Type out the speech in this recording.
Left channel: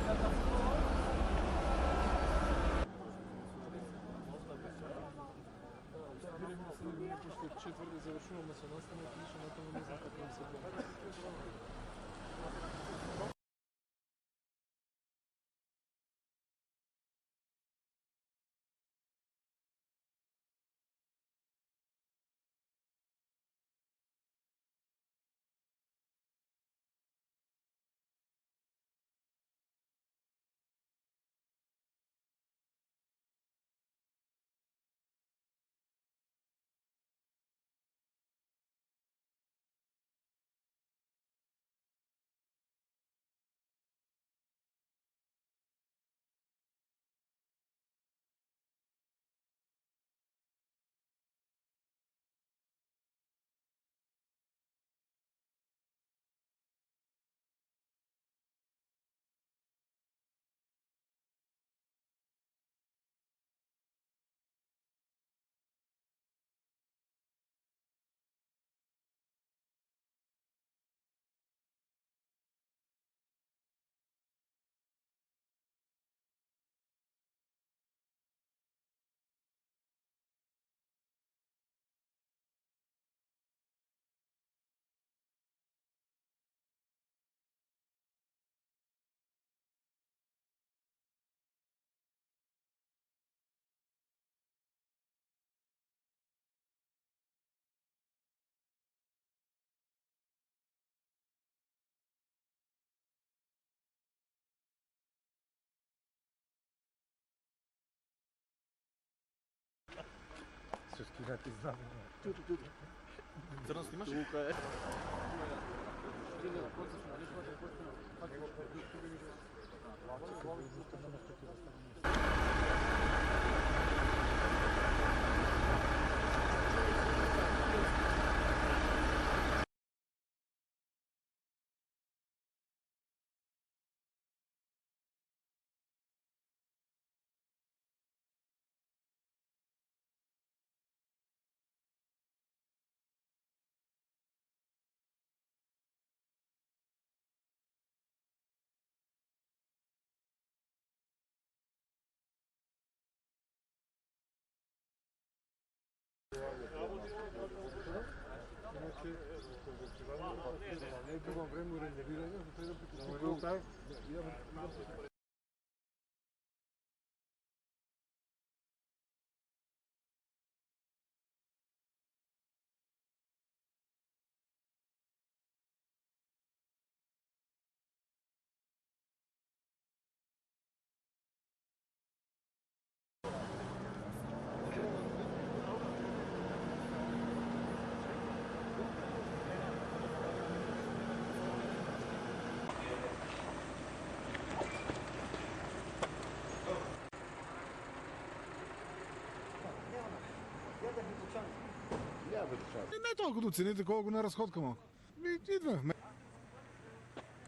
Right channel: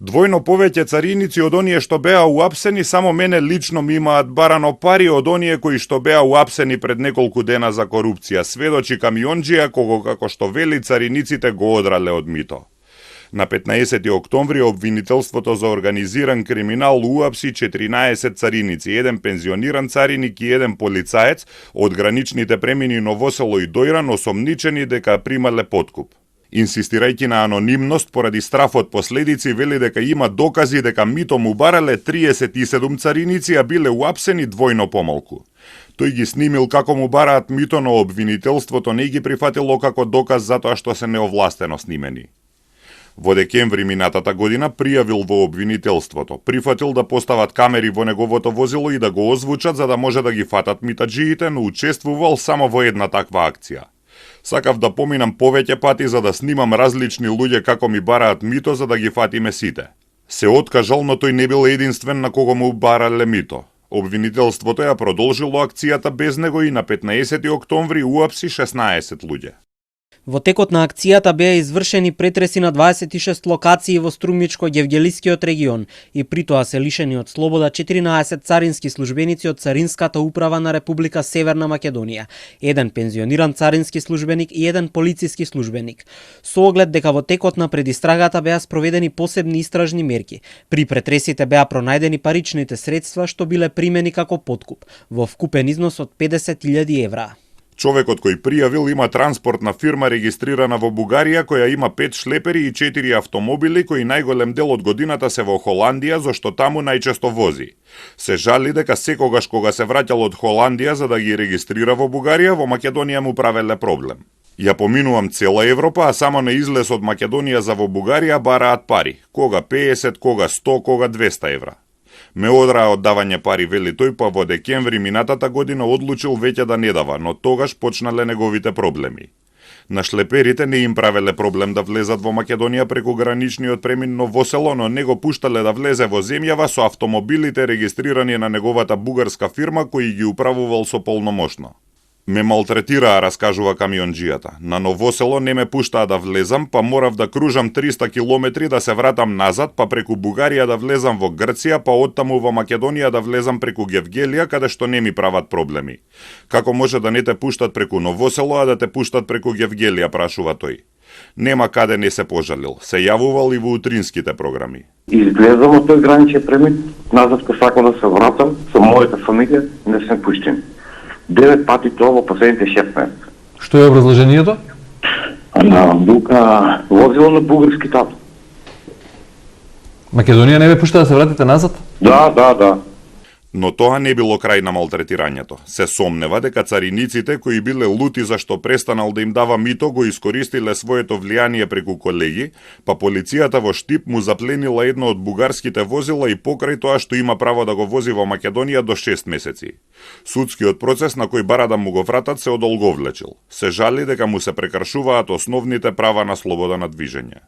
Двојно повеќе цариници од оние што беа уапсени, само мене лично ми имаат барано пари од оние кои што беа уапсени пред неколку дена за корупција, сведочи камионџија кого како што вели цариниците го одрале од мито. На 15 октомври обвинителството за организиран криминал уапси 14 цариници, еден пензиониран цариник и еден полицаец од граничните премини Новосело и Дојран, осомничени дека примале подкуп. Инсистирајќи на анонимност поради страф од последици, вели дека има докази дека мито му барале 37 цариници, а биле уапсени двојно помалку. Тој ги снимил како му бараат мито, но обвинителството не ги прифатило како доказ затоа што се неовластено снимени. Во декември минатата година пријавил во обвинителството, прифатил да постават камери во неговото возило и да го озвучат за да може да ги фатат митаџиите, но учествувал само во една таква акција. Сакав да поминам повеќе пати за да снимам различни луѓе како ми бараат мито за да ги фатиме сите. Се откажал, но тој не бил единствен на кого му барале мито. Обвинителството ја продолжило акцијата без него и на 15 октомври уапси 16 луѓе. Во текот на акцијата беа извршени претреси на 26 локации во Струмичко-Ѓевѓелискиот регион и притоа се лишени од слобода 14 царински службеници од Царинската управа на Република Северна Македонија, еден пензиониран царински службеник и еден полициски службеник. Со оглед дека во текот на предистрагата беа спроведени посебни истражни мерки. При претресите беа пронајдени паричните средства што биле примени како подкуп, во вкупен износ од 50.000 евра. Човекот кој пријавил има транспортна фирма регистрирана во Бугарија, која има 5 шлепери и 4 автомобили, кои најголем дел од годината се во Холандија, зашто таму најчесто вози. Се жали дека секогаш кога се враќал од Холандија за да ги регистрира во Бугарија, во Македонија му правеле проблем. Ја поминувам цела Европа, а само на излез од Македонија за во Бугарија бараат пари. Кога 50, кога 100, кога 200 евра. Ме одраа од давање пари, вели тој, па во декември минатата година одлучил веќе да не дава, но тогаш почнале неговите проблеми. На шлеперите не им правеле проблем да влезат во Македонија преку граничниот премин Новосело, но не го пуштале да влезе во земјава со автомобилите регистрирани на неговата бугарска фирма кои ги управувал со полномошно. Ме малтретираа, раскажува камионџијата. На Новосело не ме пуштаа да влезам, па морав да кружам 300 километри да се вратам назад, па преку Бугарија да влезам во Грција, па оттаму во Македонија да влезам преку Ѓевѓелија, каде што не ми прават проблеми. Како може да не те пуштат преку Новосело, а да те пуштат преку Ѓевѓелија, прашува тој. Нема каде не се пожалил. Се јавувал и во утринските програми. Излезам од тој граничен премин, назад ко сакам да се вратам со мојата фамилија, не сме пуштени. 9 пати тоа во последните 6 месеца. Што е образложението? Возило на бугарски тато. Македонија не ве пушта да се вратите назад? Да. Но тоа не било крај на малтретирањето. Се сомнева дека цариниците кои биле лути зашто престанал да им дава мито го искористиле своето влијание преку колеги, па полицијата во Штип му запленила едно од бугарските возила и покрај тоа што има право да го вози во Македонија до 6 месеци. Судскиот процес на кој бара да му го вратат се одолговлечил. Се жали дека му се прекршуваат основните права на слобода на движење.